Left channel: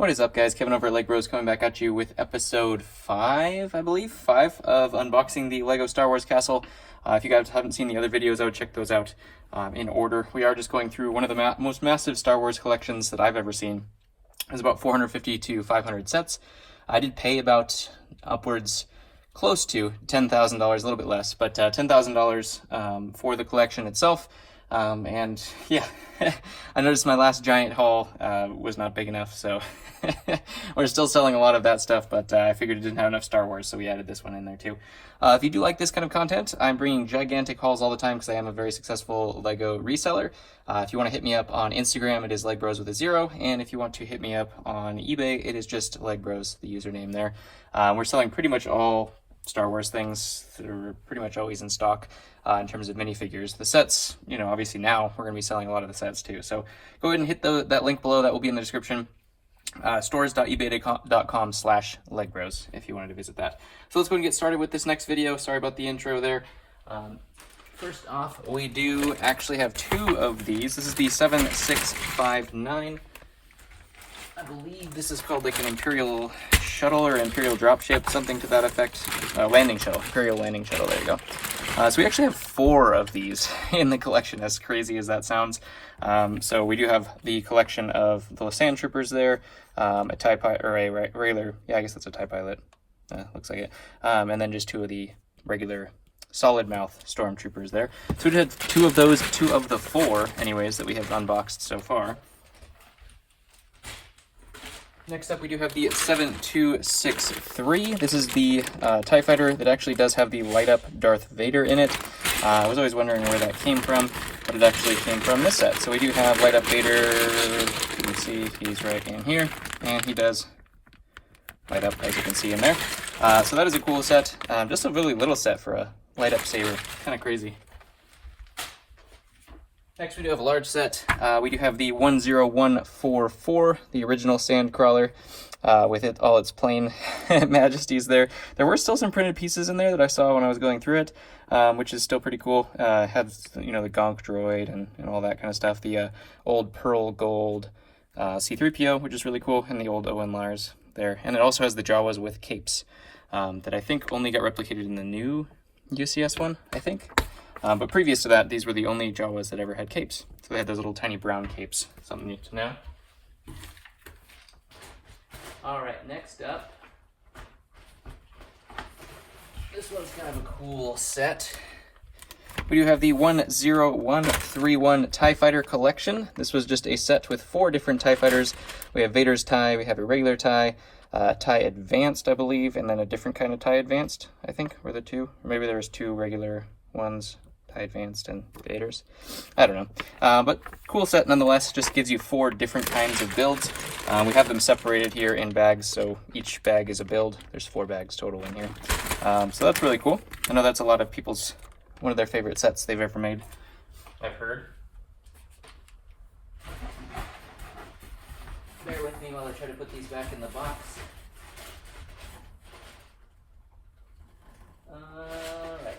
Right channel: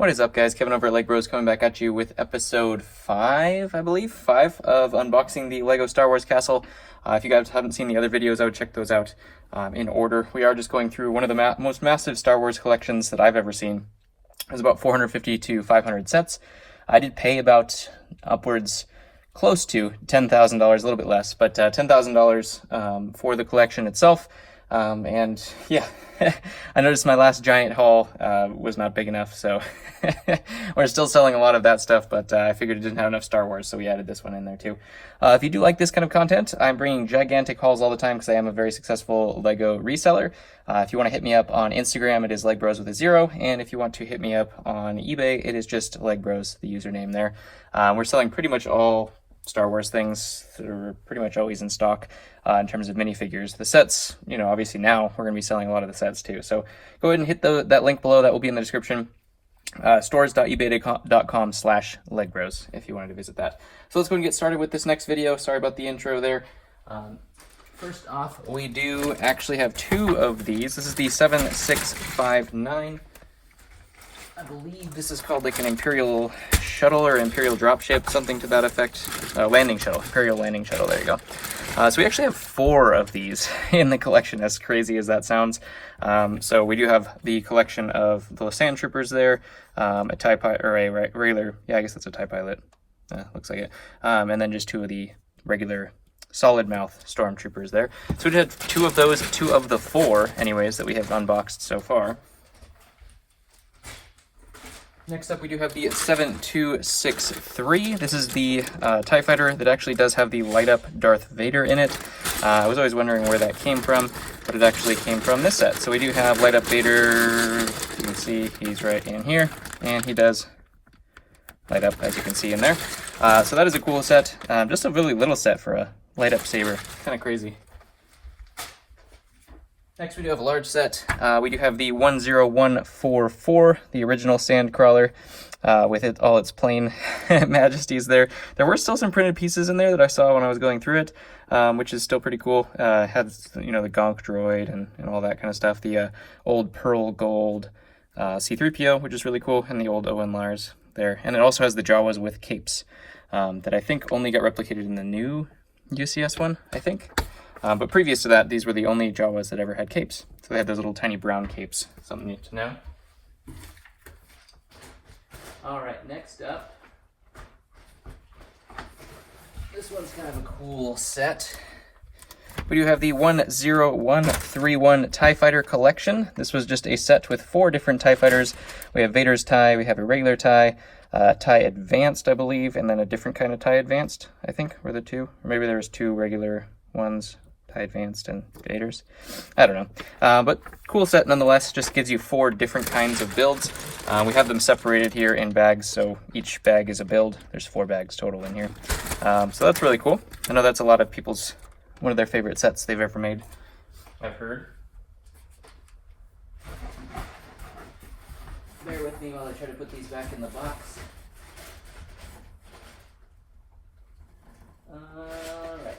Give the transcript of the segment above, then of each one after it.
What is up, guys? Kevin over at Lego Bros coming back at you with episode 5, I believe, 5 of unboxing the Lego Star Wars castle. If you guys haven't seen the other videos, I would check those out in order. We are just going through one of the most massive Star Wars collections that I've ever seen. There's about 450 to 500 sets. I did pay about upwards close to $10,000, a little bit less, but $10,000 for the collection itself. And yeah, I noticed my last giant haul was not big enough, so we're still selling a lot of that stuff, but I figured it didn't have enough Star Wars, so we added this one in there too. If you do like this kind of content, I'm bringing gigantic hauls all the time because I am a very successful Lego reseller. If you want to hit me up on Instagram, it is LegBros with a 0, and if you want to hit me up on eBay, it is just LegBros, the username there. We're selling pretty much all Star Wars things that are pretty much always in stock in terms of minifigures. The sets, you know, obviously now we're going to be selling a lot of the sets too. So go ahead and hit that link below. That will be in the description. Stores.ebay.com/legbros if you wanted to visit that. So let's go and get started with this next video. Sorry about the intro there. First off, we do actually have 2 of these. This is the 7659. I believe this is called like an Imperial shuttle or Imperial dropship, something to that effect. Landing shuttle, Imperial landing shuttle, there you go. So we actually have 4 of these in the collection, as crazy as that sounds. So we do have the collection of the Sand Troopers there, a TIE pilot, or a regular, yeah, I guess that's a TIE pilot, looks like it. And then just 2 of the regular solid mouth stormtroopers there. So we have 2 of those, 2 of the 4 anyways that we have unboxed so far. Next up, we do have the 7263. This is the TIE fighter that actually does have the light-up Darth Vader in it. I was always wondering where that came from, but it actually came from this set. So we do have light-up Vader. You can see he's right in here, and he does light up, as you can see in there. So that is a cool set. Just a really little set for a light-up saber. Kind of crazy. Next, we do have a large set. We do have the 10144, the original Sandcrawler, with all its plain majesties there. There were still some printed pieces in there that I saw when I was going through it, which is still pretty cool. Had, you know, the Gonk droid and all that kind of stuff. The old pearl gold C-3PO, which is really cool, and the old Owen Lars there. And it also has the Jawas with capes that I think only got replicated in the new UCS one, I think. But previous to that, these were the only Jawas that ever had capes. So they had those little tiny brown capes. Something neat to know. Alright, next up. This one's kind of a cool set. We do have the 10131 TIE Fighter Collection. This was just a set with 4 different TIE Fighters. We have Vader's TIE, we have a regular TIE, TIE Advanced, I believe, and then a different kind of TIE Advanced, I think, were the 2. Or maybe there was 2 regular ones. TIE Advanced and Vader's. I don't know. But cool set nonetheless. Just gives you 4 different kinds of builds. We have them separated here in bags, so each bag is a build. There's 4 bags total in here. So that's really cool. I know that's a lot of people's, one of their favorite sets they've ever made, I've heard. Bear with me while I try to put these back in the box. Alright.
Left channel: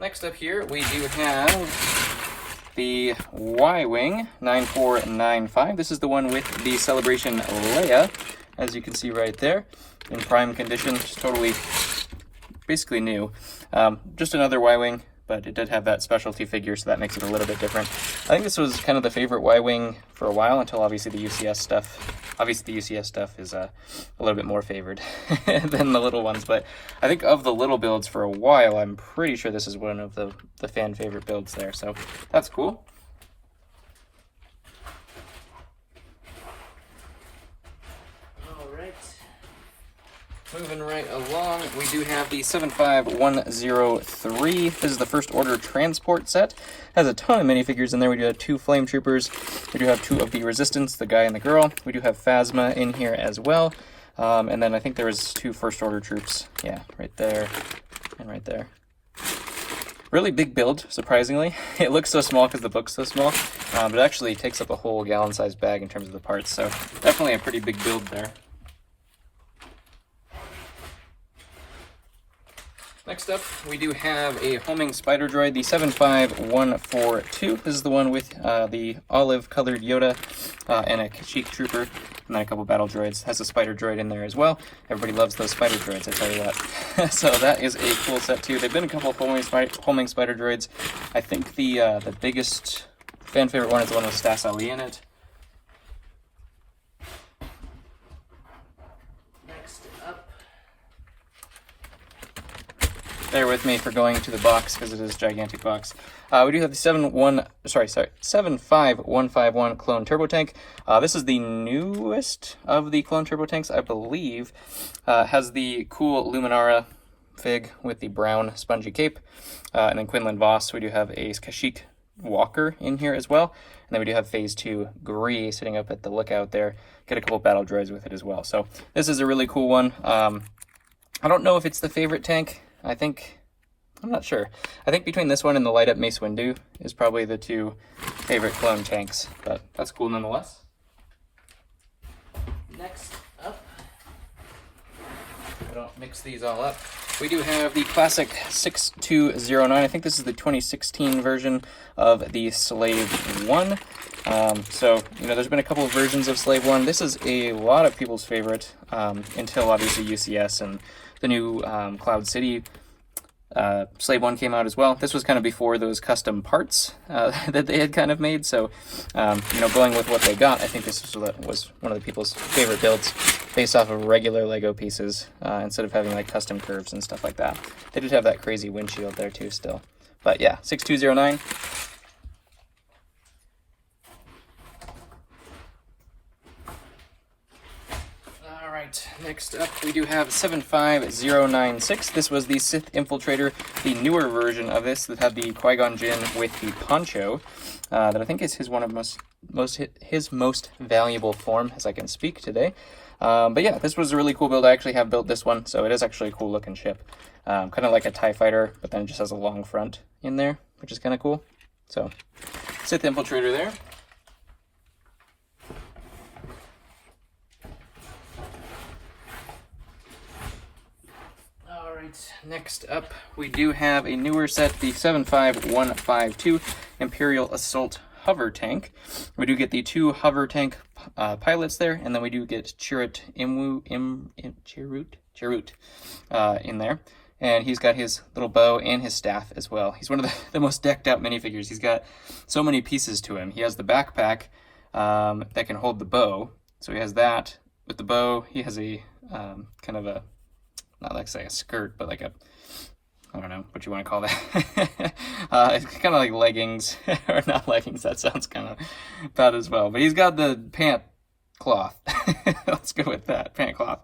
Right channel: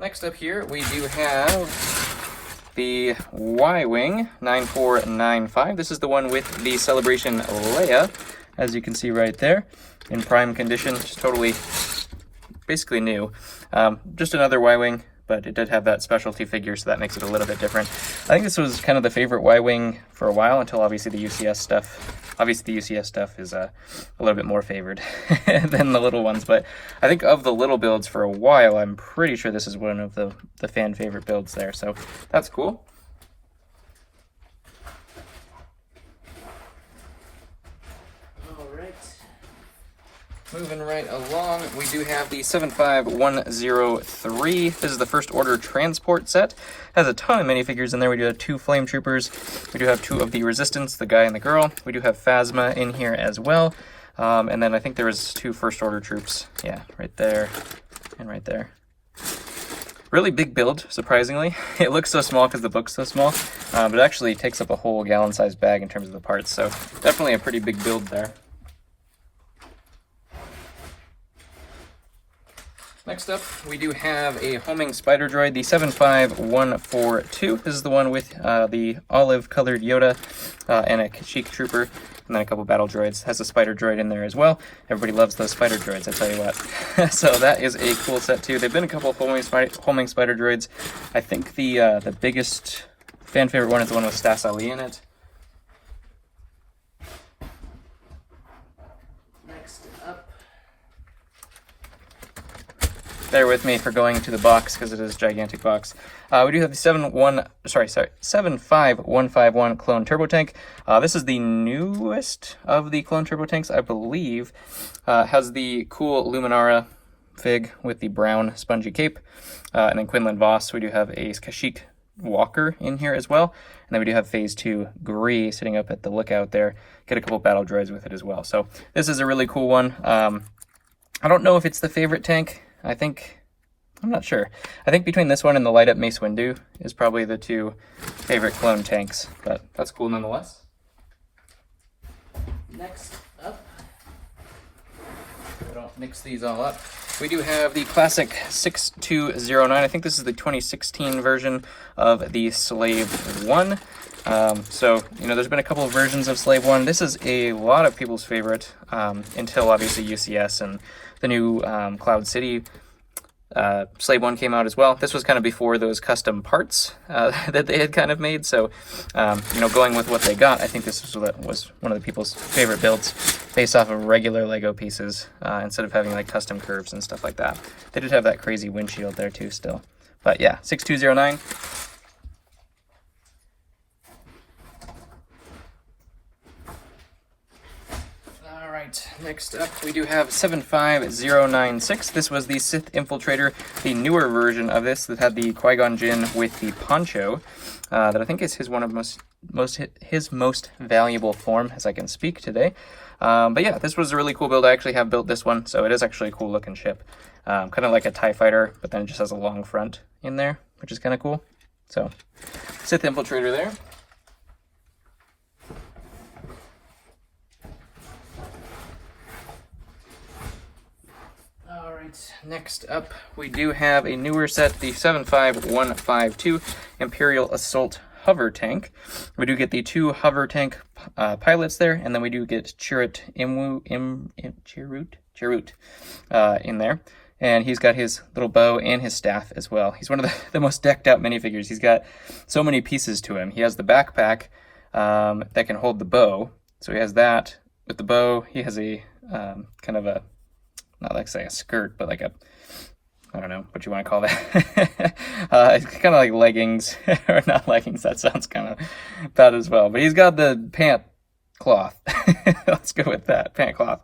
Next up here, we do have the Y-Wing 9495. This is the one with the Celebration Leia, as you can see right there, in prime condition, just totally, basically new. Just another Y-Wing, but it did have that specialty figure, so that makes it a little bit different. I think this was kind of the favorite Y-Wing for a while, until obviously the UCS stuff. Obviously the UCS stuff is a little bit more favored than the little ones, but I think of the little builds for a while, I'm pretty sure this is one of the fan favorite builds there, so that's cool. Moving right along, we do have the 75103. This is the First Order transport set. Has a ton of minifigures in there. We do have 2 Flame Troopers. We do have 2 of the Resistance, the guy and the girl. We do have Phasma in here as well. And then I think there was 2 First Order troops. Yeah, right there and right there. Really big build, surprisingly. It looks so small because the book's so small, but it actually takes up a whole gallon-sized bag in terms of the parts. So definitely a pretty big build there. Next up, we do have a homing spider droid, the 75142. This is the one with the olive-colored Yoda and a Kashyyyk trooper, and then a couple battle droids. Has a spider droid in there as well. Everybody loves those spider droids, I tell you that. So that is a cool set too. There've been a couple of homing spider droids. I think the biggest fan favorite one is the one with Stas Ali in it. Bear with me for going to the box because it is a gigantic box. We do have the 75151 clone turbo tank. This is the newest of the clone turbo tanks, I believe. Has the cool Luminara fig with the brown spongy cape. And then Quinlan Voss, we do have a Kashyyyk Walker in here as well. And then we do have Phase 2 Gree sitting up at the lookout there. Get a couple battle droids with it as well. So this is a really cool one. I don't know if it's the favorite tank. I'm not sure. I think between this one and the light up Mace Windu is probably the two favorite clone tanks, but that's cool nonetheless. Next up, we don't mix these all up. We do have the classic 6209. I think this is the 2016 version of the Slave 1. So, there's been a couple of versions of Slave 1. This is a lot of people's favorite until obviously UCS and the new Cloud City Slave 1 came out as well. This was kind of before those custom parts that they had kind of made. So, going with what they got, I think this was one of the people's favorite builds based off of regular Lego pieces instead of having like custom curves and stuff like that. They did have that crazy windshield there too still. But yeah, 6209. Next up, we do have 75096. This was the Sith Infiltrator, the newer version of this that had the Qui-Gon Jinn with the poncho. That I think is his most valuable form, as I can speak today. But yeah, this was a really cool build. I actually have built this one, so it is actually a cool looking ship. Kind of like a TIE fighter, but then it just has a long front in there, which is kind of cool. So, Sith Infiltrator there. Next up, we do have a newer set, the 75152 Imperial Assault Hover Tank. We do get the two hover tank pilots there, and then we do get Chirrut in there. And he's got his little bow and his staff as well. He's one of the most decked out minifigures. He's got so many pieces to him. He has the backpack that can hold the bow. So he has that with the bow. He has a kind of a, not like say a skirt, but like a, I don't know what you want to call that. It's kind of like leggings, or not leggings. That sounds kind of bad as well. But he's got the pant cloth. Let's go with that, pant cloth.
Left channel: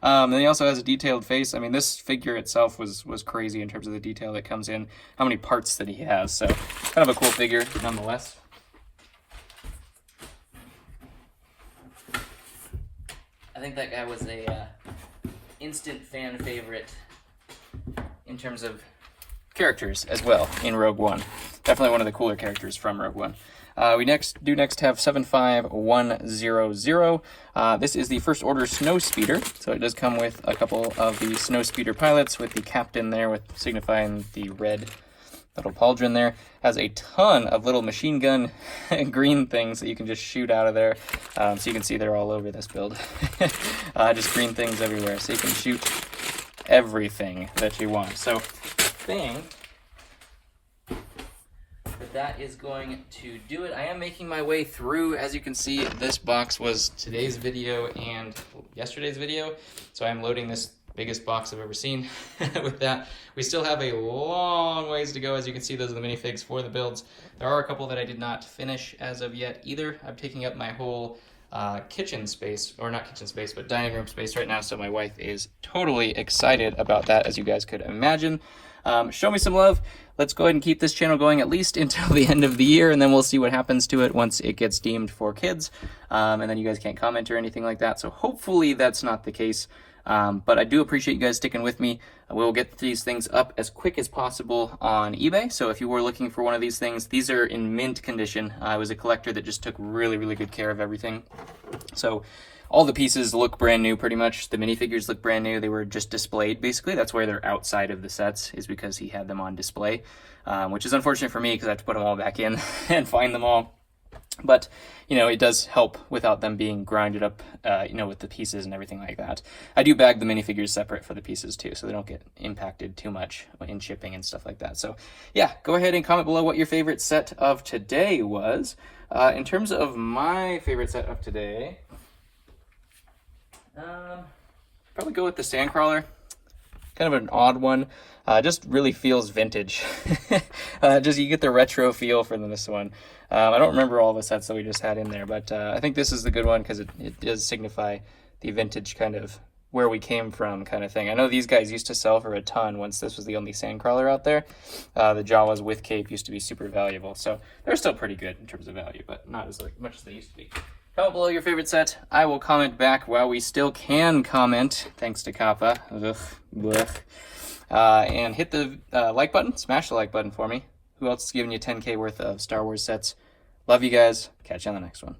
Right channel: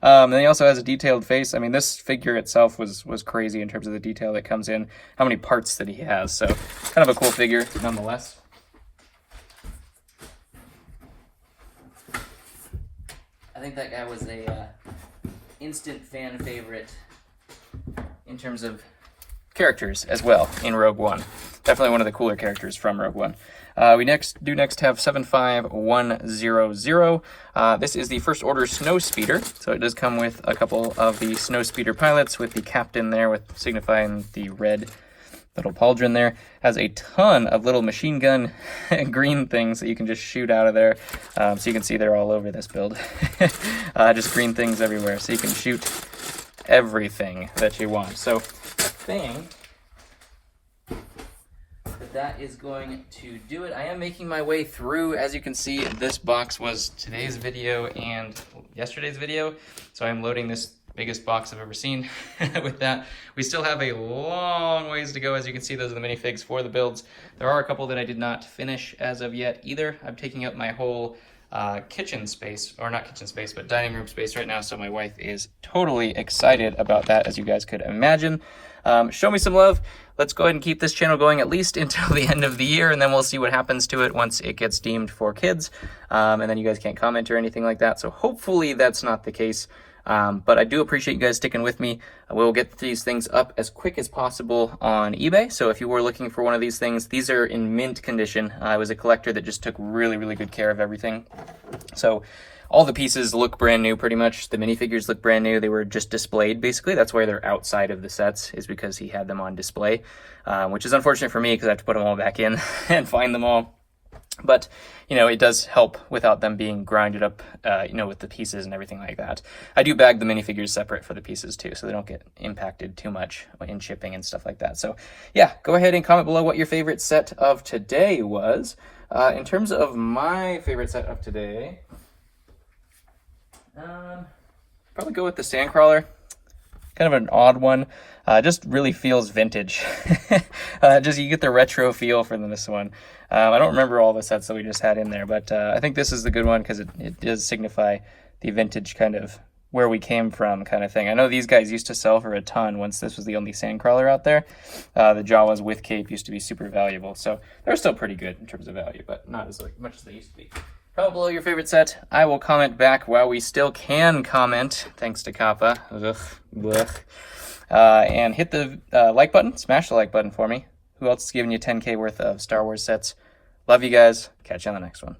And he also has a detailed face. I mean, this figure itself was crazy in terms of the detail that comes in, how many parts that he has. So kind of a cool figure nonetheless. I think that guy was a instant fan favorite in terms of characters as well in Rogue One. Definitely one of the cooler characters from Rogue One. We next have 75100. This is the First Order Snow Speeder, so it does come with a couple of the Snow Speeder pilots with the captain there, with signifying the red little pauldron there. Has a ton of little machine gun green things that you can just shoot out of there. So you can see they're all over this build. Just green things everywhere, so you can shoot everything that you want. So that is going to do it. I am making my way through. As you can see, this box was today's video and yesterday's video, so I'm loading this biggest box I've ever seen with that. We still have a long ways to go. As you can see, those are the minifigs for the builds. There are a couple that I did not finish as of yet either. I'm taking up my whole kitchen space, or not kitchen space, but dining room space right now, so my wife is totally excited about that, as you guys could imagine. Show me some love. Let's go ahead and keep this channel going at least until the end of the year, and then we'll see what happens to it once it gets deemed for kids, and then you guys can't comment or anything like that, so hopefully that's not the case. But I do appreciate you guys sticking with me. We'll get these things up as quick as possible on eBay. So if you were looking for one of these things, these are in mint condition. I was a collector that just took really, really good care of everything. So all the pieces look brand new pretty much. The minifigures look brand new. They were just displayed basically. That's why they're outside of the sets, is because he had them on display, which is unfortunate for me because I have to put them all back in and find them all. But, you know, it does help without them being grinded up, you know, with the pieces and everything like that. I do bag the minifigures separate for the pieces too, so they don't get impacted too much in shipping and stuff like that. So yeah, go ahead and comment below what your favorite set of today was. In terms of my favorite set of today, probably go with the Sandcrawler. Kind of an odd one. Just really feels vintage. Just you get the retro feel from this one. I don't remember all the sets that we just had in there, but I think this is the good one because it does signify the vintage kind of where we came from kind of thing. I know these guys used to sell for a ton once this was the only Sandcrawler out there. The Jawas with cape used to be super valuable, so they're still pretty good in terms of value, but not as much as they used to be. Comment below your favorite set. I will comment back while we still can comment, thanks to Kappa. And hit the like button, smash the like button for me. Who else is giving you 10K worth of Star Wars sets? Love you guys. Catch you on the next one.